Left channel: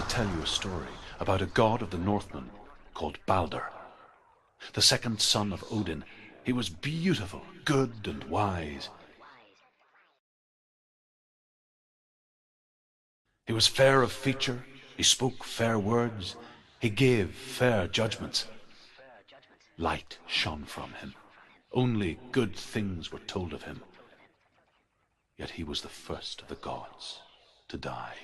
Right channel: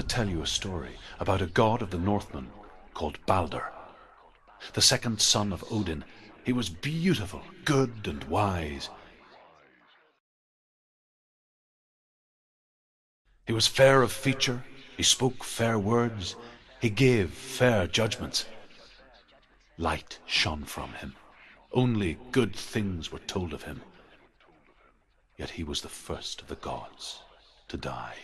to tell you a story about a god of the Northmen called Balder. The second son of Odin, he was beautiful, good and wise. He was fair of feature, he spoke fair words, he gave fair judgments. Light shone from him. Only good things were told of him. Yet he was the first of the gods to die.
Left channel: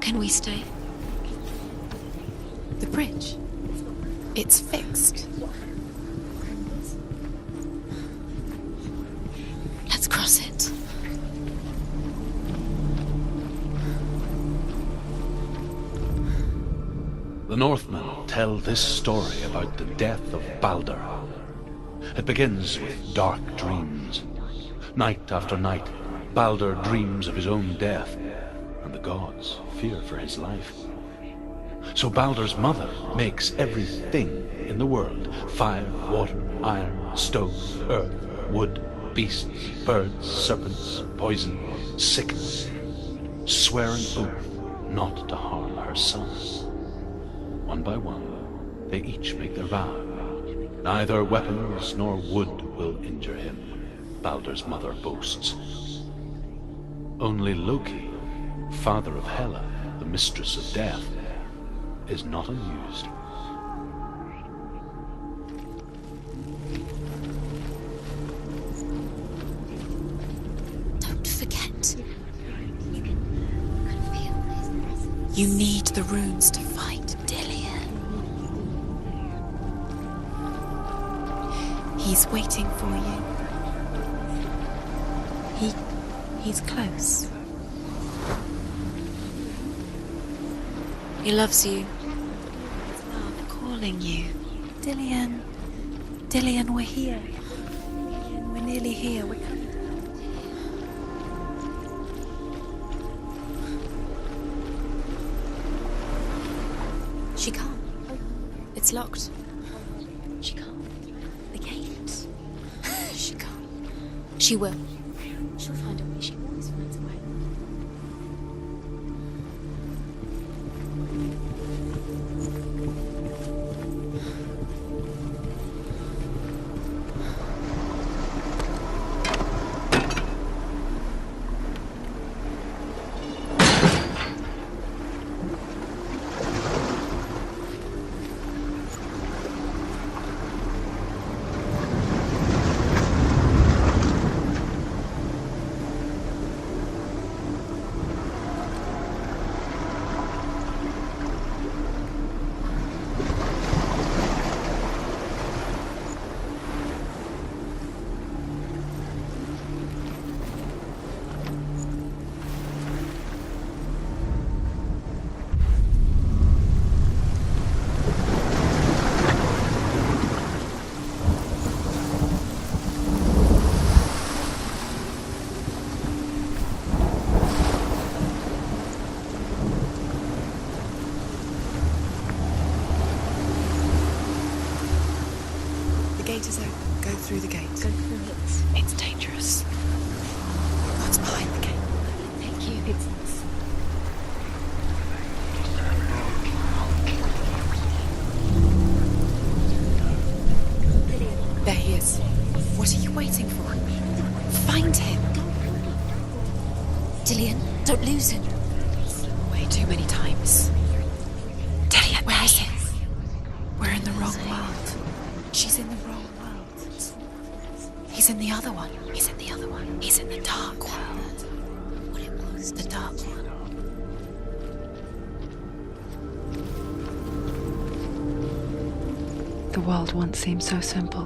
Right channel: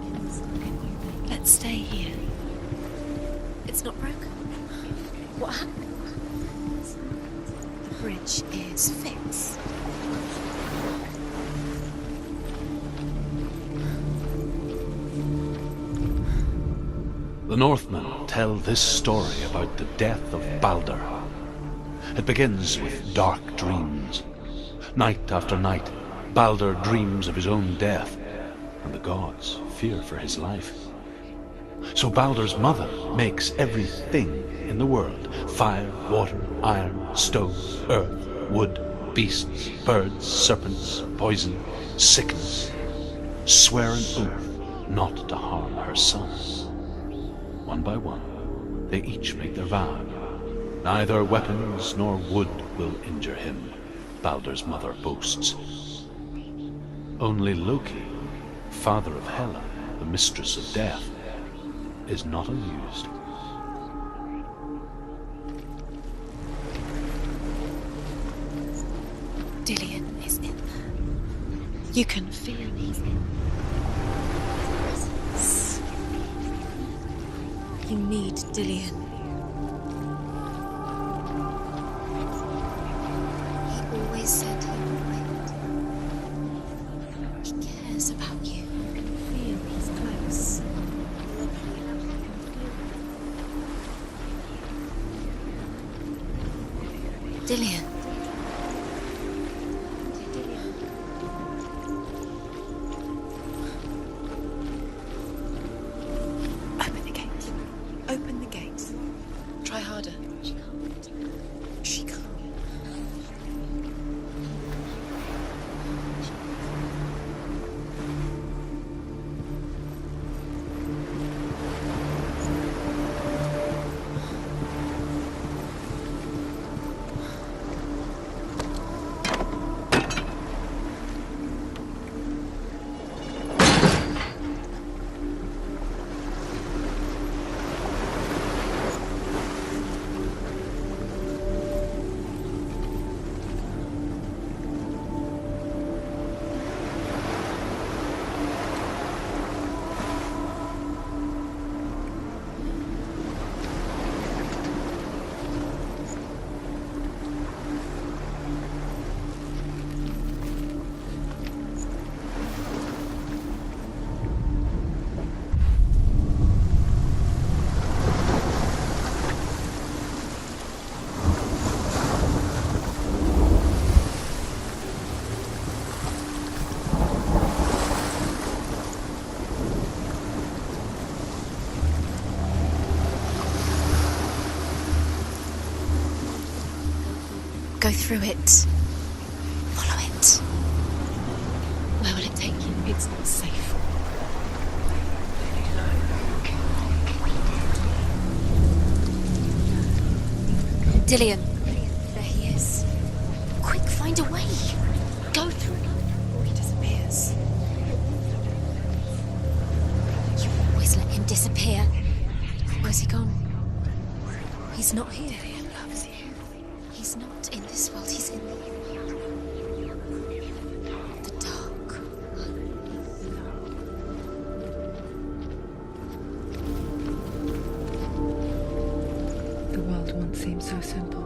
Can we stay? Let's stay here. The bridge, it's not broken. It's fixed. What happened? The bridge is fixed. Let's cross it. The Northmen tell this story about the death of Balder. It begins with dark dreams. Night after night, Balder dreams of his own death, and the gods fear for his life. So Balder's mother makes everything in the world: fire, water, iron, stone, earth, wood, beasts, birds, serpents, poison, sickness, swear an oath not to harm her son. One by one, they each make their vow. Neither weapons nor wood will injure him, Balder's mother boasts. Only Loki, father of Hela, the mistress of death, is not amused. Dillion is in there. Don't forget. You can feel it. You need the runes to fight Dillion. You need Dillion. He's waiting for you. He always said he's close. He cares about you. He's close. He loves you. Calling you. Dillion. Dillion, we're here. Dillion. We're nearly here. Open the gate. She can't. Open the gate. It's locked. Try harder. She can't. The gate. She can't. She can't. She will. She will. She will. Go through it. It's dangerous. Follow it. What's behind the gate? Where will it take you? It's not safe. Dillion. There he is. There he is. What are you waiting for? Quick, find a way. Find him. Go. He disappears. Dillion, don't lose him. Way too many times. Always let him disappear. Dillion, Where is he? Where's he gone? We're in the wrong world. He's not here. She's in the wrong world. He's not in this world. He's in the other one. He's in the other one. He's in the dark world. The dark. What it was. The dark world. The world once seemed so simple.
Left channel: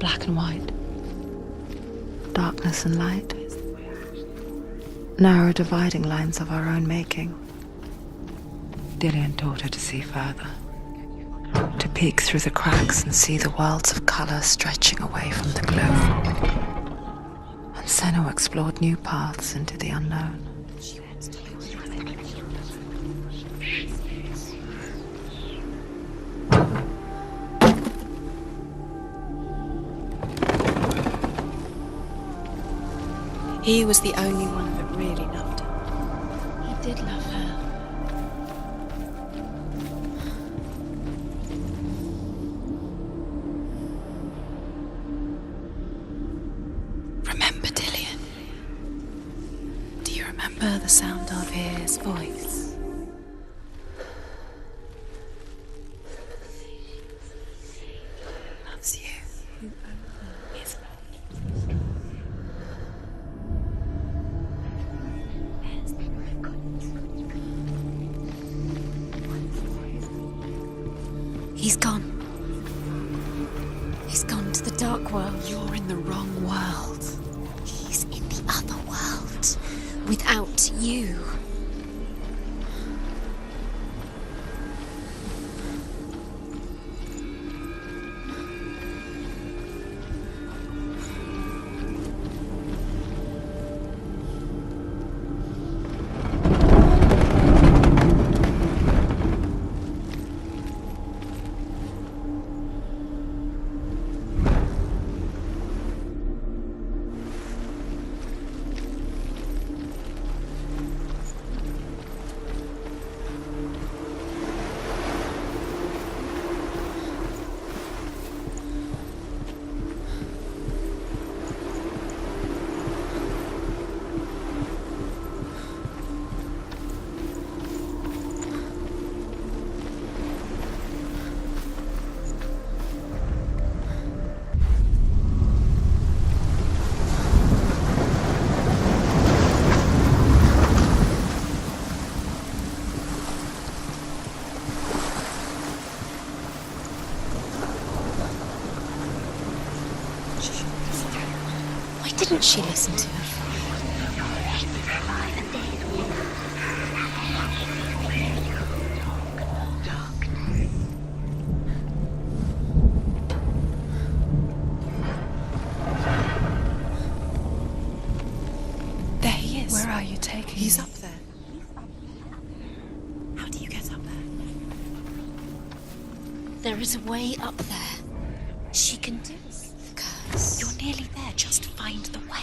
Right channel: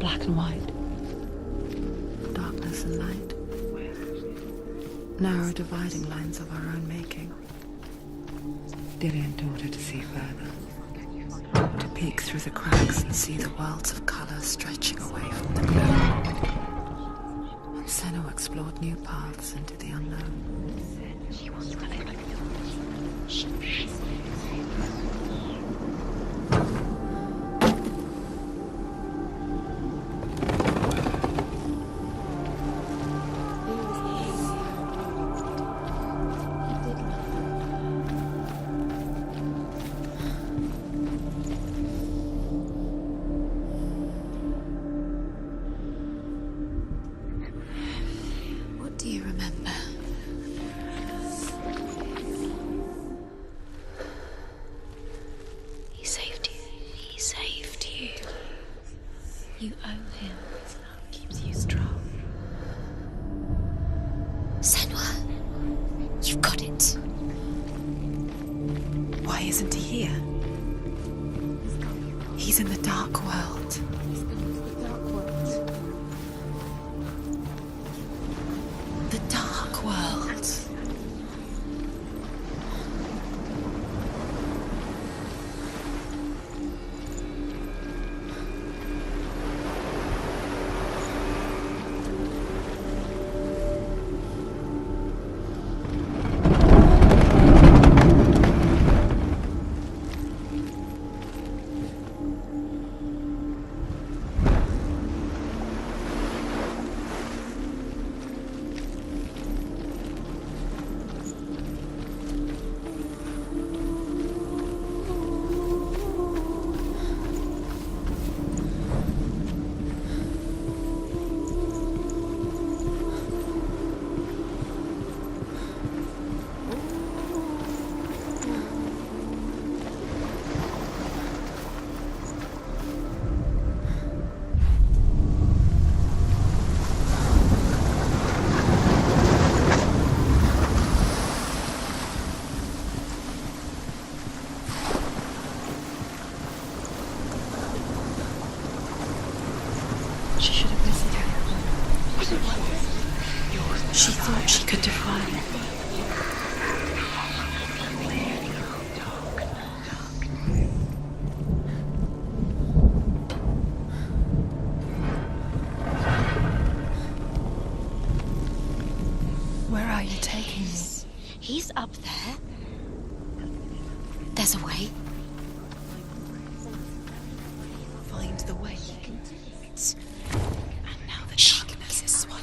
Black and white. Darkness and light. Narrow dividing lines of our own making. Dillion taught her to see further. To peek through the cracks and see the worlds of color stretching away from the blue. And Senua explored new paths into the unknown. He was the only one that really loved her. He did love her. Remember, Dillion? What do you remember? Do you remember the sound of his voice? He saved you. He saved you. That's you. You owe him. His love keeps you strong. Senua, you've got it. Why isn't he here? He's gone. He's in the dark world. He's gone to the dark world. You're in the wrong world. He's in the other world. The dark world. Without you. She should have listened to him. Why didn't she listen to me? She thought she could defy him. There he is. Where are you taking He's me? up there. He's up there. How do you get up there? There's a way. There is a way up there. Find the way. She can do it. Guys, You're nearly there. she Just finds find the way.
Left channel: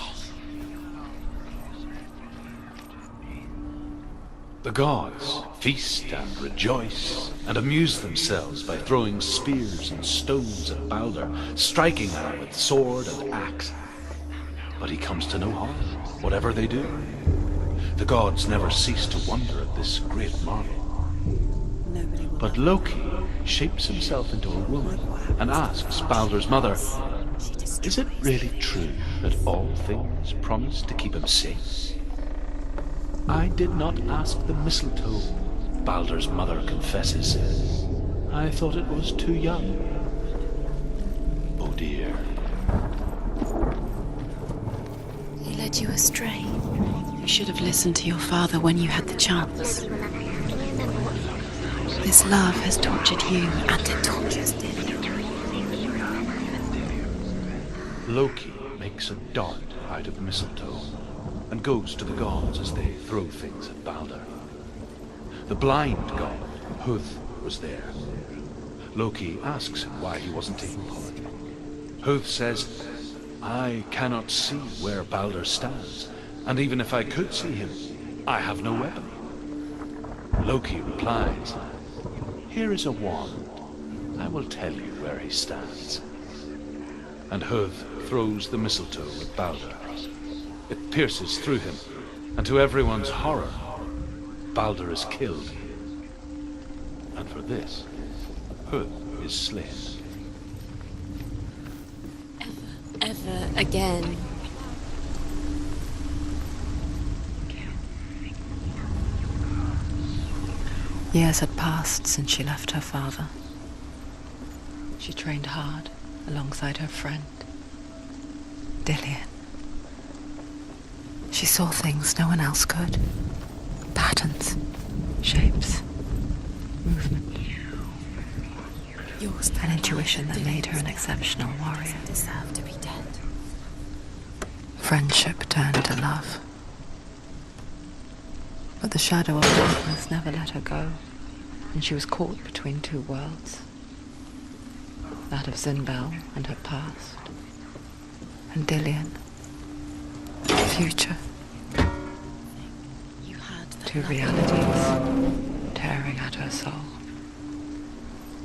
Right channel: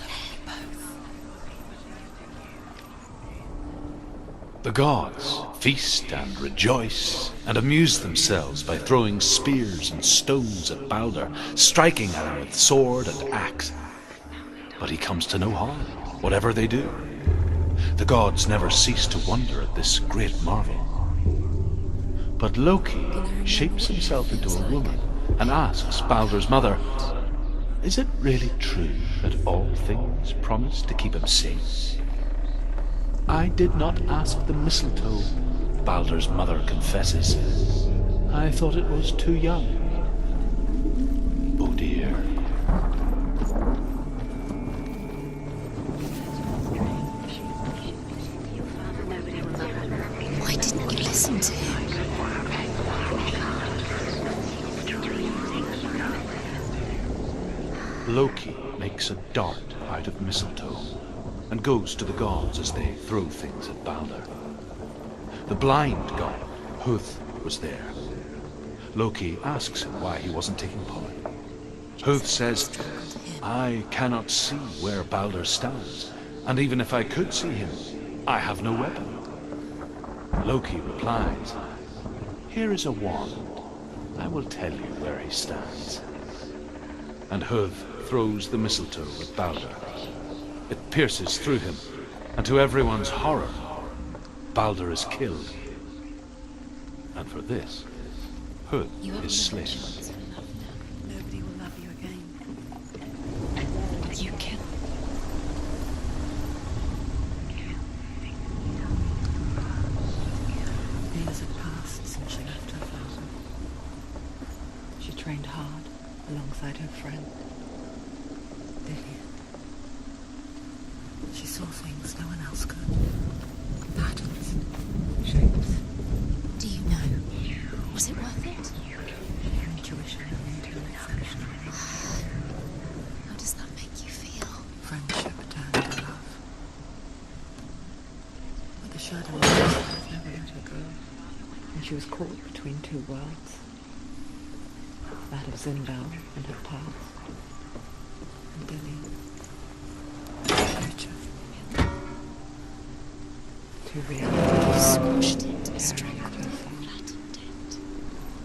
The gods feast and rejoice and amuse themselves by throwing spears and stones at Balder, striking at him with sword and axe. But he comes to no harm, whatever they do. The gods never cease to wonder at this great marvel. But Loki shapes himself into a woman and asks Balder's mother, "Is it really true that all things promise to keep him safe?" "I did not ask the mistletoe," Balder's mother confesses. "I thought it was too young." Oh dear. He led you astray. You should have listened to your father when you had the chance. Why didn't you listen to him? This love has tortured you. And it tortures me. Loki makes a dart out of mistletoe and goes to the gods as they throw things at Balder. The blind god, Huth, was there. Loki asks him why he wasn't taking part. Huth says, "I cannot see where Balder stands, and even if I could see him, I have no weapon." Loki replies, "Here is a wand. I will tell you where he stands. And Huth throws the mistletoe at Balder. It pierces through him, and to everyone's horror, Balder is killed. And for this, Huth is slain. Ever again. You kill. Years had passed since she left her father. She trained hard alongside her friend, Dillian. She saw things no one else could. Patterns, shapes. Do you know? Was it worth it? Yours. An intuition that made her an exceptional warrior. Deserve to be dead. How does that make you feel? Friendship turned to love. But the shadow of darkness never let her go, and she was caught between two worlds. That of Zynbel and her past, and Dillian, her future. Two realities tearing at her soul.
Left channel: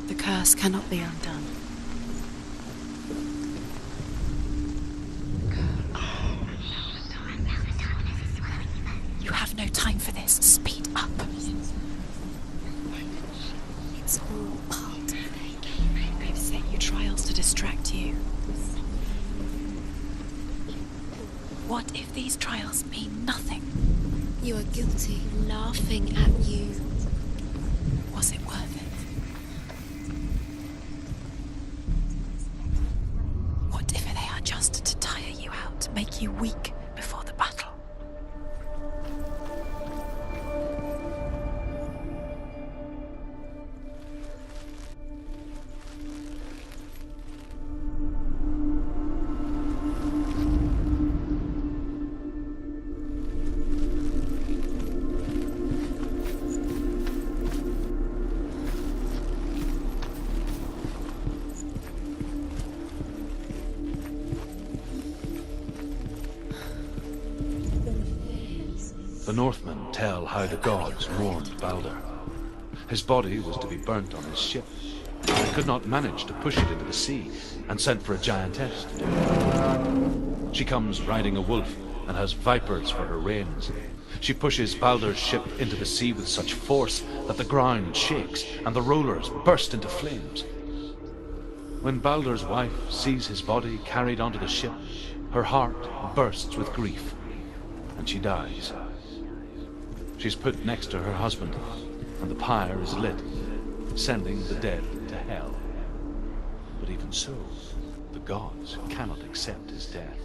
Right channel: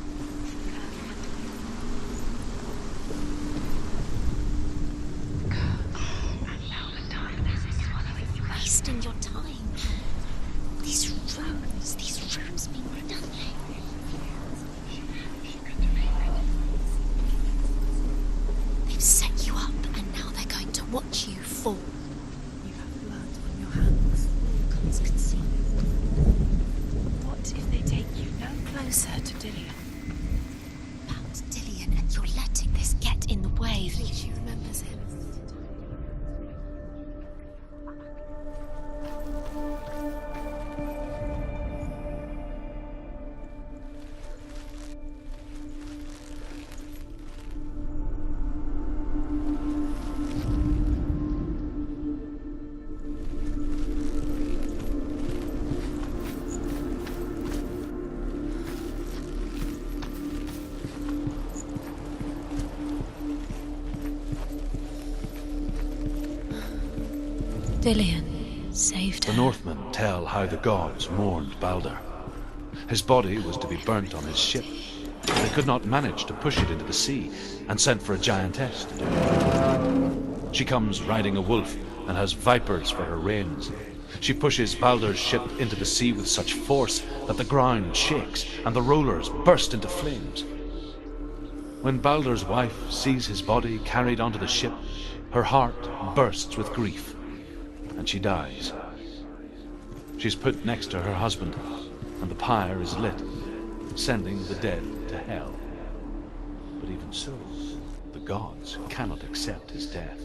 The curse cannot be undone. You have no time for this. Speedy. These rooms mean nothing. It's all PARTE. They've set you trials to distract you. They've set you up, and now they're going to watch you for... What if these trials mean nothing? You are guilty, laughing at you. What if they take was it closer to Dillian? Found Dillian, and you're letting this get in the way. What if they are just to tire you out, make you weak before the battle? Dillian saved her. The Northmen tell how the gods mourned Balder. His body was to be burnt on his ship. They could not manage to push it into the sea, and sent for a giantess to do it. She comes riding a wolf and has vipers for her reins. She pushes Balder's ship into the sea with such force that the ground shakes and the rollers burst into flames. When Balder's wife sees his body carried onto the ship, her heart bursts with grief, and she dies. She's put next to her husband, and the pyre is lit, sending the dead to hell. But even so, the gods cannot accept his death.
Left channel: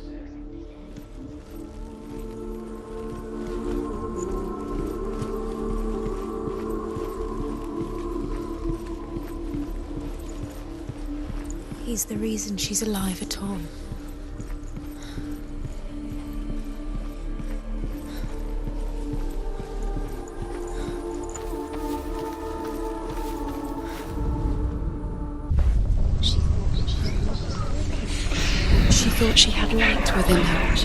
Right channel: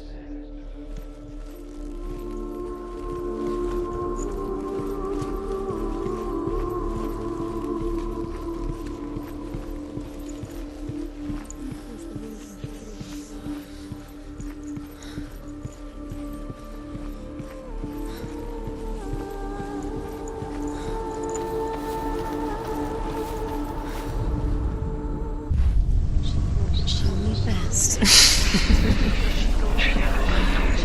He's the reason she's alive at all. She thought she knew best. She thought she had light within her.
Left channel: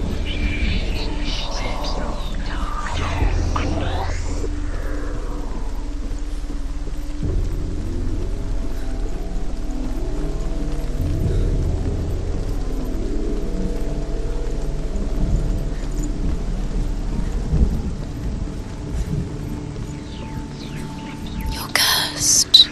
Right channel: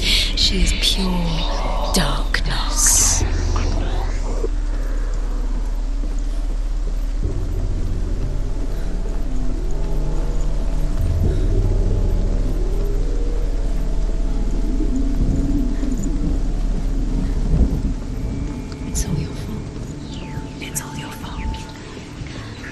She is pure darkness. It's all your fault. It's all your fault. You're cursed.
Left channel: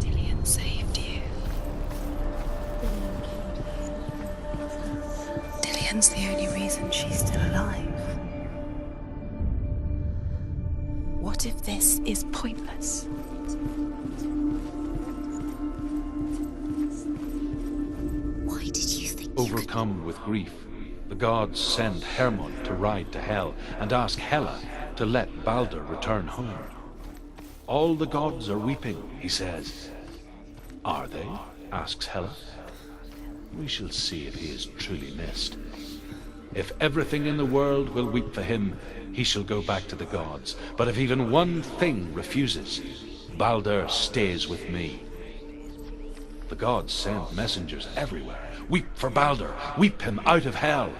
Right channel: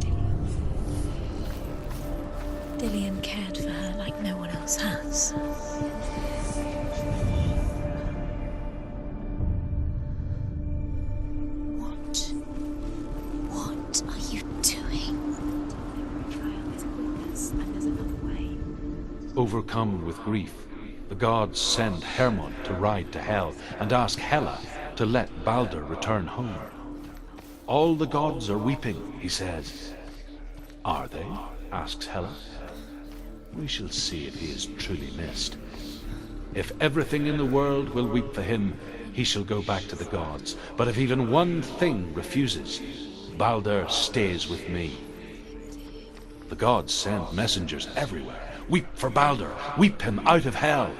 Dillian saved you. Dillian cared for her like no one else has. Dillian's the only reason she's still alive. What if this is pointless? What are you doing? Why did you think Overcome with grief, the gods send Hermod to ride to Hell and ask Hela to let Balder return home. All the gods are weeping, he says. Are they? Asks Hela. We shall see if he is truly missed. If everything in the world will weep for him, he shall go back to the gods. But if even one thing refuses, Balder stays with me. The gods send messengers everywhere. Weep for Balder, weep him out of hell.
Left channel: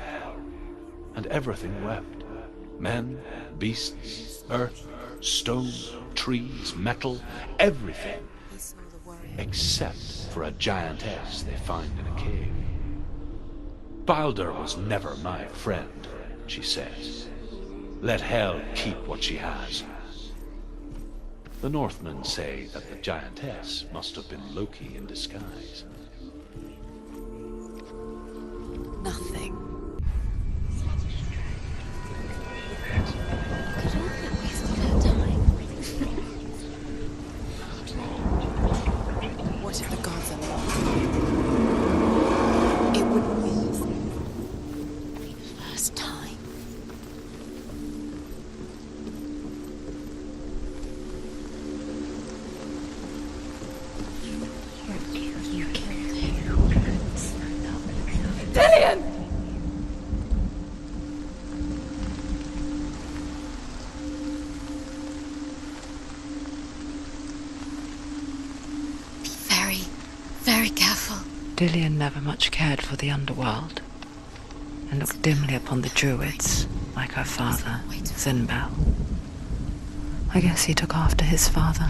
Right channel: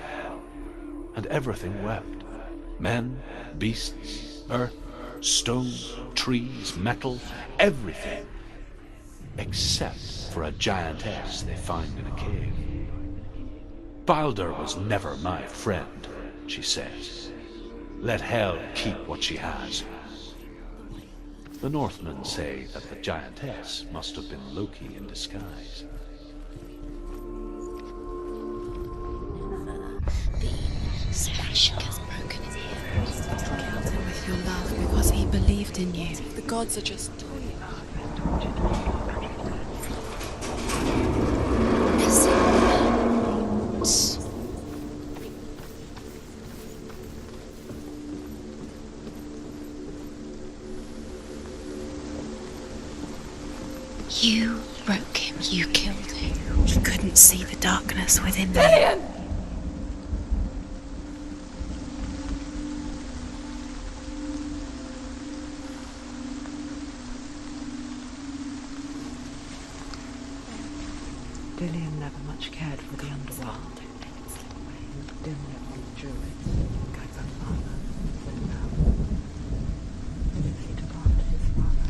And everything wept. Men, beasts, earth, stone, trees, metal, everything. Except for a giantess they find in a cave. Balder was never my friend, she says. Let hell keep what she has. The Northmen say that the giantess must have been Loki in disguise. Nothing. The smashing has broken. Because we believed in you. The gods are just... What if the gods are... Listen, it was... first time. You broke him. You killed him. You couldn't see the darkness within him. Dillion! Be very, very careful. Dillion never much cared for the underworld, and looked dimly upon the druids, like her father, Zinbel. I guess he took after his father,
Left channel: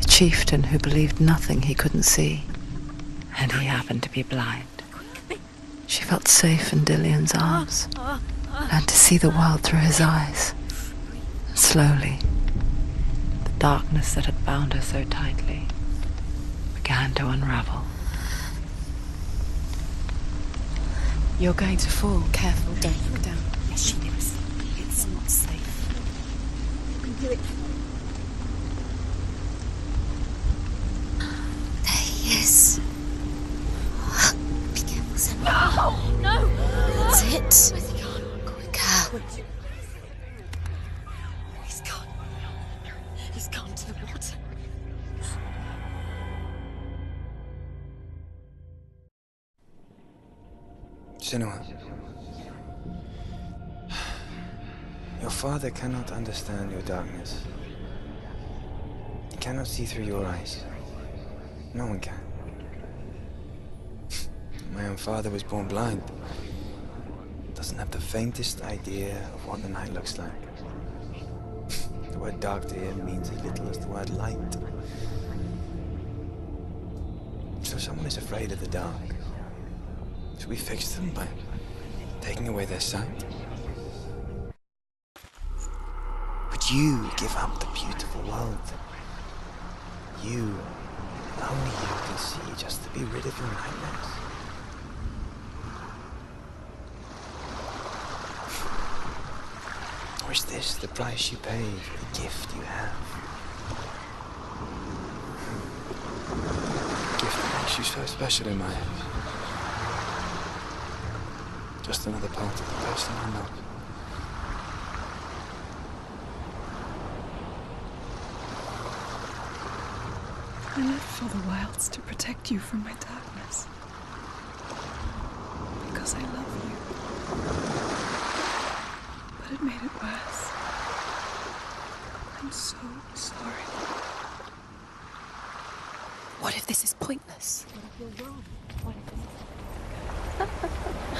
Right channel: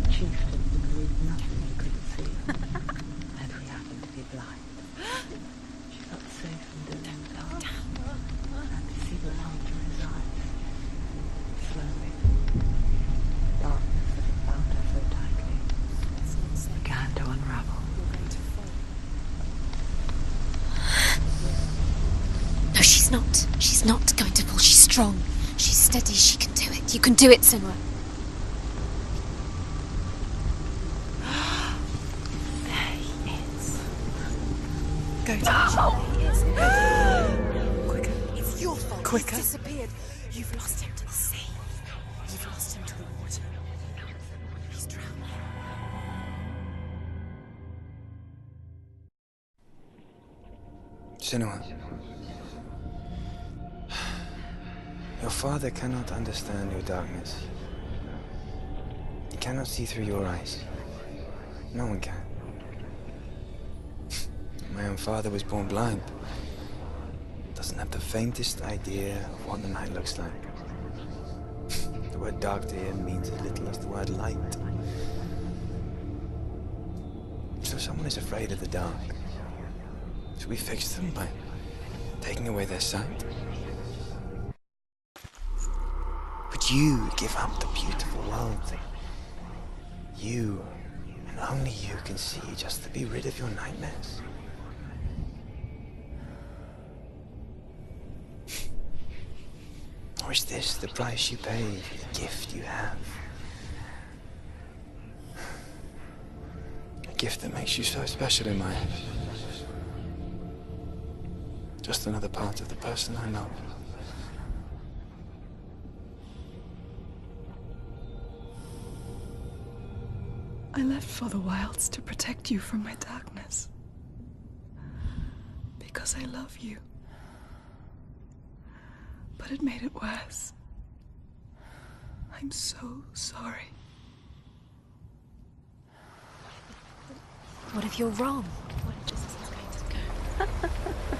a chieftain who believed nothing he couldn't see, and he happened to be blind. She felt safe in Dillion's arms, learned to see the world through his eyes. Slowly, the darkness that had bound her so tightly began to unravel. You're going to fall. Careful. No, she's not. She's not going to fall. She's strong. She's steady. She can do it. You can do it, Senua. There he is. Go down. No! That's it. Quicker. You've lost him to the sea. He's gone. You've lost him. He's gone to the water. He's drowned. Senua, your father cannot understand your darkness. He cannot see through your eyes. No one can. My own father was born blind. Doesn't have the faintest idea of what the night looks like. The word dark to him means as little as the word light. So someone is afraid of the dark. Should we fix them by taking away their sight? Would you give up the beautiful world that you, and only you can see, just to be rid of your nightmares? Or is this the price you pay for the gift you have? A gift that makes you so special in my eyes. Just another part of the person I love. I left for the wilds to protect you from my darkness. Because I love you. But it made it worse. I'm so sorry. What if this is pointless? What if you're wrong? What if this isn't going to go?